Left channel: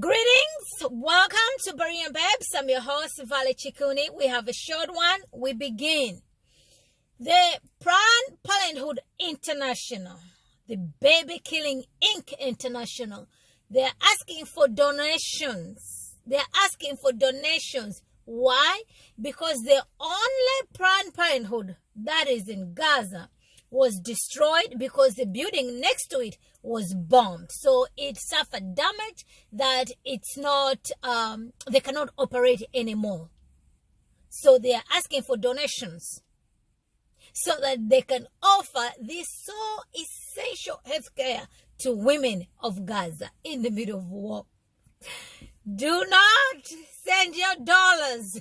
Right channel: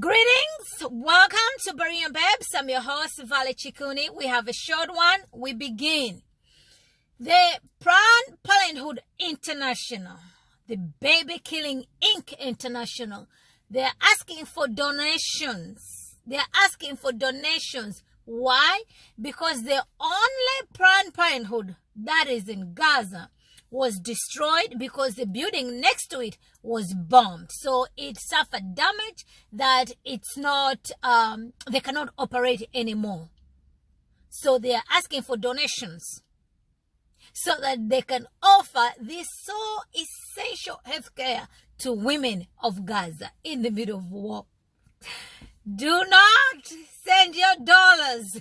Greetings, welcome to Berean Babes. I'm your host, Vale Chikuni. We have a short one. We begin. The Planned Parenthood International, the Baby Killing Inc. International, they're asking for donations. Why? Because the only Planned Parenthood that is in Gaza was destroyed because the building next to it was bombed. So it suffered damage that it's not, they cannot operate anymore. So they are asking for donations so that they can offer this so essential healthcare to women of Gaza in the middle of war. Do not send your dollars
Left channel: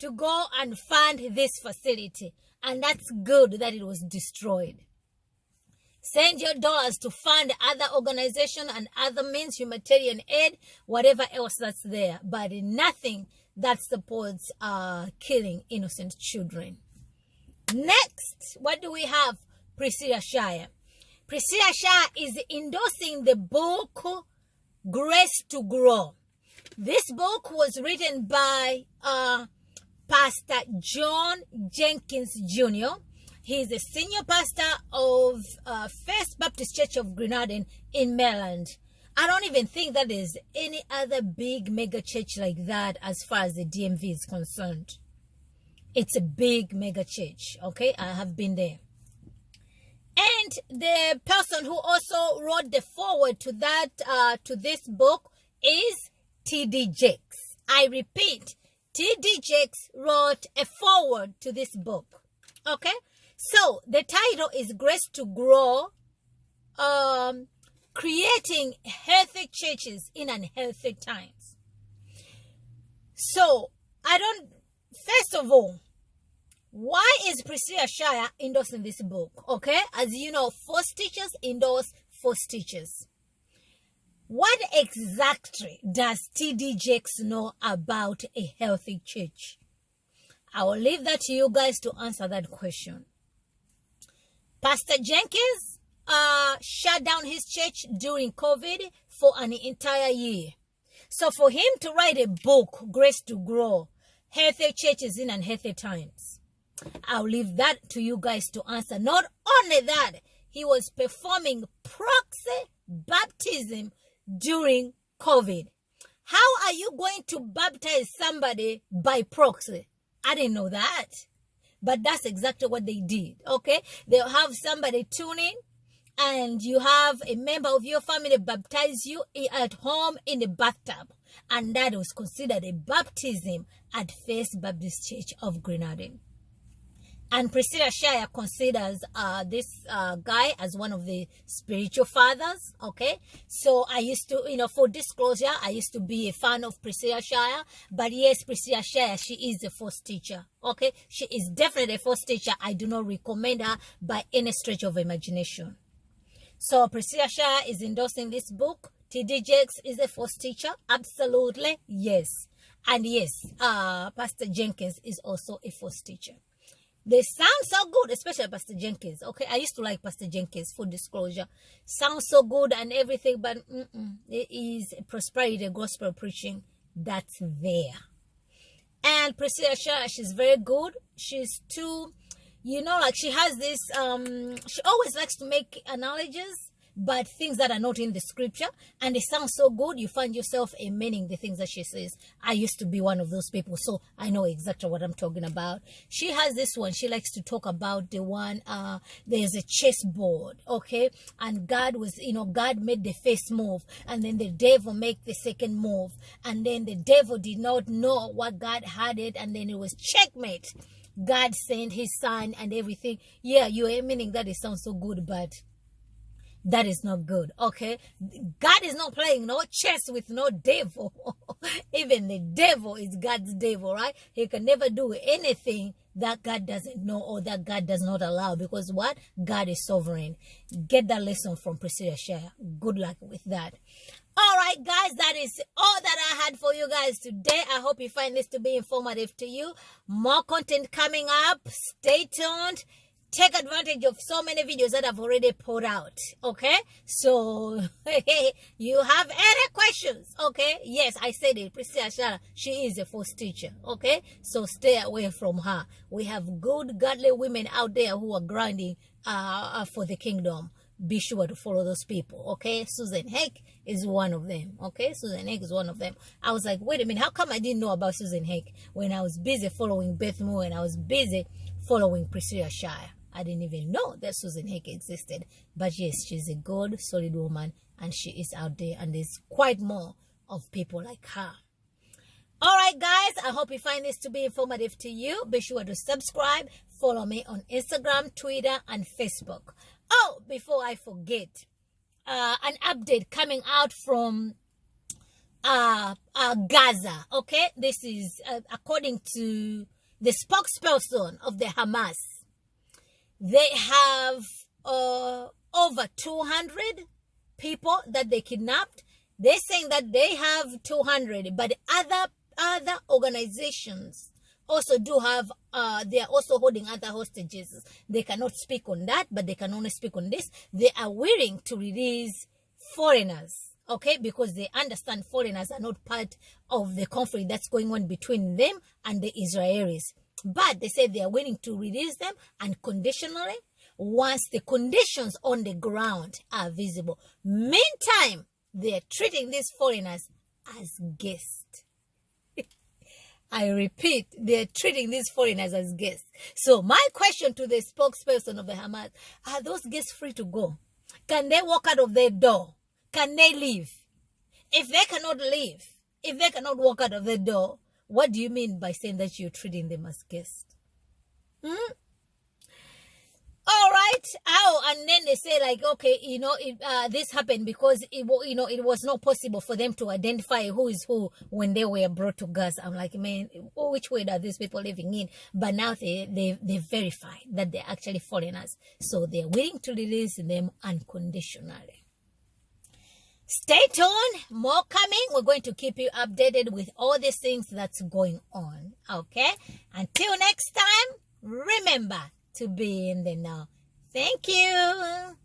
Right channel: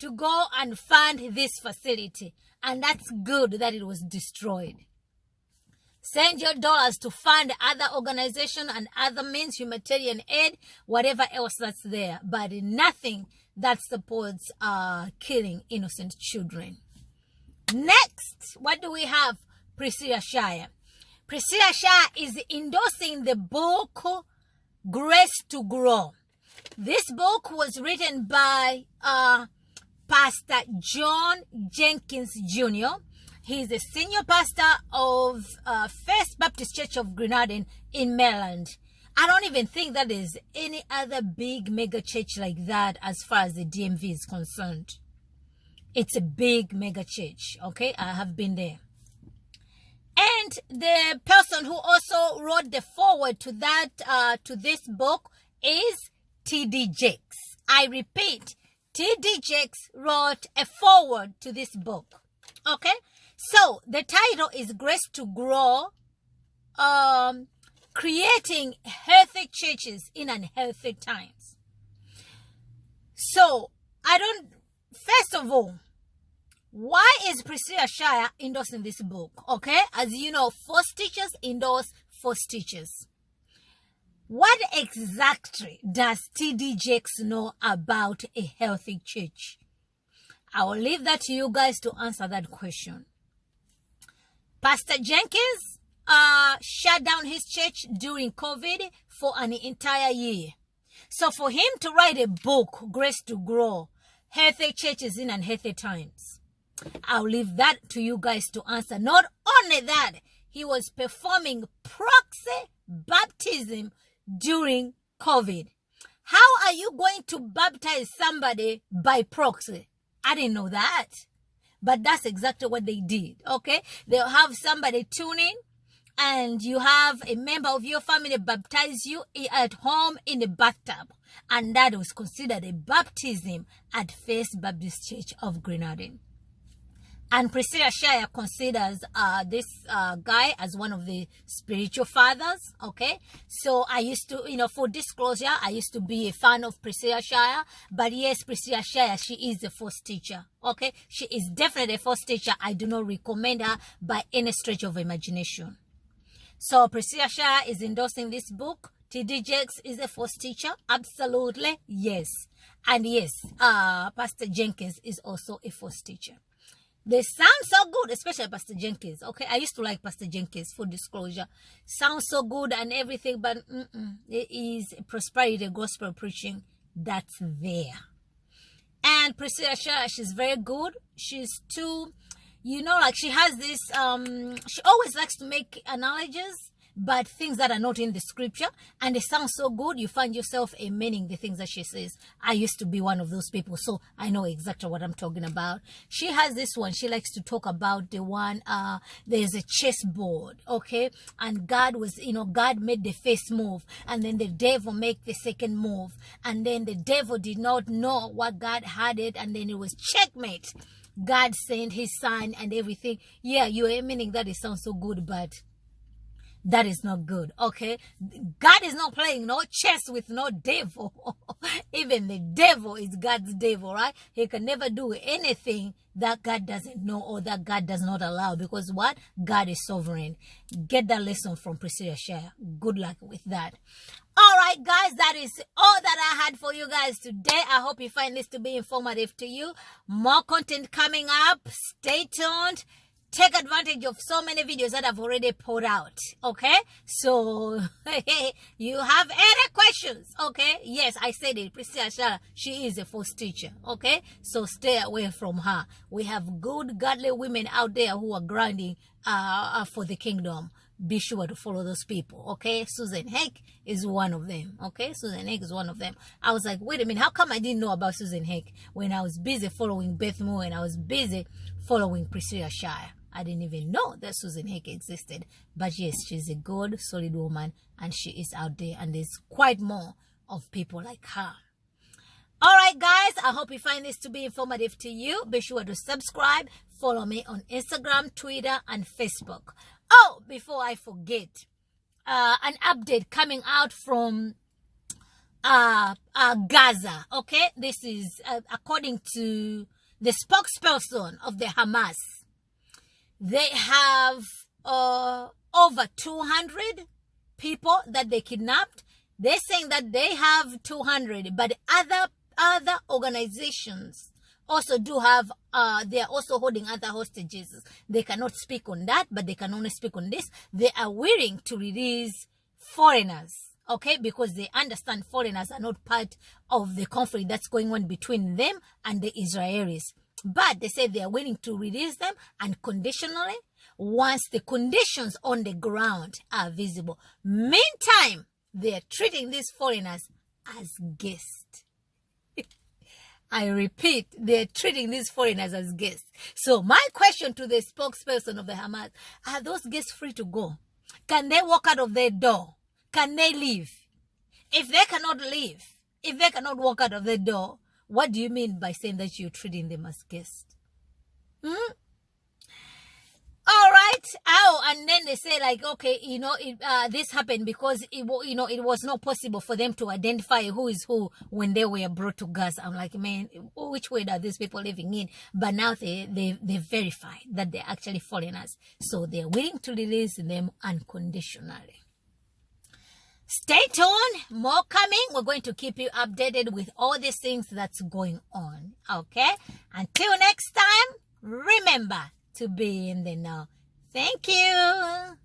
to go and fund this facility. And that's good that it was destroyed. Send your dollars to fund other organizations and other means, humanitarian aid, whatever else that's there. But nothing that supports killing innocent children. Next, what do we have? Priscilla Shirer. Priscilla Shirer is endorsing the book Grace to Grow. This book was written by Pastor John Jenkins Jr. He's a senior pastor of First Baptist Church of Grenada in Maryland. I don't even think that there's any other big mega church like that as far as the DMV is concerned. It's a big mega church, okay? I have been there. And the person who also wrote the foreword to that, to this book is T.D. Jakes. I repeat, T.D. Jakes wrote a foreword to this book. Okay? So, the title is Grace to Grow, Creating Healthy Churches in Unhealthy Times. So, first of all, why is Priscilla Shirer endorsing this book? Okay? As you know, false teachers endorse false teachers. What exactly does T.D. Jakes know about a healthy church? I will leave that to you guys to answer that question. Pastor Jenkins shut down his church during COVID for an entire year. So for him to write a book, Grace to Grow, Healthy Churches in Unhealthy Times, I'll leave that to you guys to answer. Not only that, he was performing proxy baptism during COVID. How are you going to baptize somebody by proxy? I didn't know that. But that's exactly what they did, okay? They'll have somebody tune in and you have a member of your family baptize you at home in a bathtub. And that was considered a baptism at First Baptist Church of Grenada. And Priscilla Shirer considers this guy as one of the spiritual fathers, okay? So I used to, for disclosure, I used to be a fan of Priscilla Shirer. But yes, Priscilla Shirer, she is a false teacher, okay? She is definitely a false teacher. I do not recommend her by any stretch of imagination. So Priscilla Shirer is endorsing this book. T.D. Jakes is a false teacher. Absolutely, yes. And yes, Pastor Jenkins is also a false teacher. They sound so good, especially Pastor Jenkins. Okay, I used to like Pastor Jenkins, for disclosure. Sounds so good and everything, but it is prosperity gospel preaching that's there. And Priscilla Shirer, she's very good. She's too, she has this, she always likes to make analogies, but things that are not in the scripture, and they sound so good, you find yourself amening the things that she says. I used to be one of those people, so I know exactly what I'm talking about. She has this one. She likes to talk about the one, there's a chessboard, okay? And God was, God made the first move, and then the devil made the second move, and then the devil did not know what God had it, and then it was checkmate. God sent his son and everything. Yeah, you're amening that. It sounds so good, but that is not good, okay? God is not playing no chess with no devil. Even the devil is God's devil, right? He can never do anything that God doesn't know or that God does not allow, because what? God is sovereign. Get that lesson from Priscilla Shirer. Good luck with that. All right, guys, that is all that I had for you guys today. I hope you find this to be informative to you. More content coming up. Stay tuned. take advantage of so many videos that I've already put out. Okay, so you have any questions? Okay, yes, I said it. Priscilla Shirer, she is a false teacher. Okay, so stay away from her. We have good, godly women out there who are grinding for the kingdom. Be sure to follow those people. Okay, Susan Heck is one of them. Okay, Susan Heck is one of them. I was like, wait a minute, how come I didn't know about Susan Heck when I was busy following Beth Moore and I was busy following Priscilla Shirer? I didn't even know that Susan Heck existed. But yes, she's a good, solid woman, and she is out there, and there's quite more of people like her. All right, guys, I hope you find this to be informative to you. Be sure to subscribe. Follow me on Instagram, Twitter, and Facebook. Oh, before I forget, an update coming out from Gaza. Okay, this is according to the spokesperson of the Hamas. They have over 200 people that they kidnapped. They're saying that they have 200, but other organizations also do have, they are also holding other hostages. They cannot speak on that, but they can only speak on this. They are willing to release foreigners, okay, because they understand foreigners are not part of the conflict that's going on between them and the Israelis. But they say they are willing to release them unconditionally once the conditions on the ground are visible. Meantime, they are treating these foreigners as guests. I repeat, they are treating these foreigners as guests. So my question to the spokesperson of the Hamas, are those guests free to go? Can they walk out of their door? Can they leave? If they cannot leave, if they cannot walk out of their door, what do you mean by saying that you're treating them as guests? All right. Oh, and then they say like, okay, you know, this happened because it was not possible for them to identify who is who when they were brought to Gaza. I'm like, man, which way are these people living in? But now they verified that they're actually foreigners, so they're willing to release them unconditionally. Stay tuned, more coming. We're going to keep you updated with all these things that's going on. Okay? Until next time, remember to be in the know. Thank you.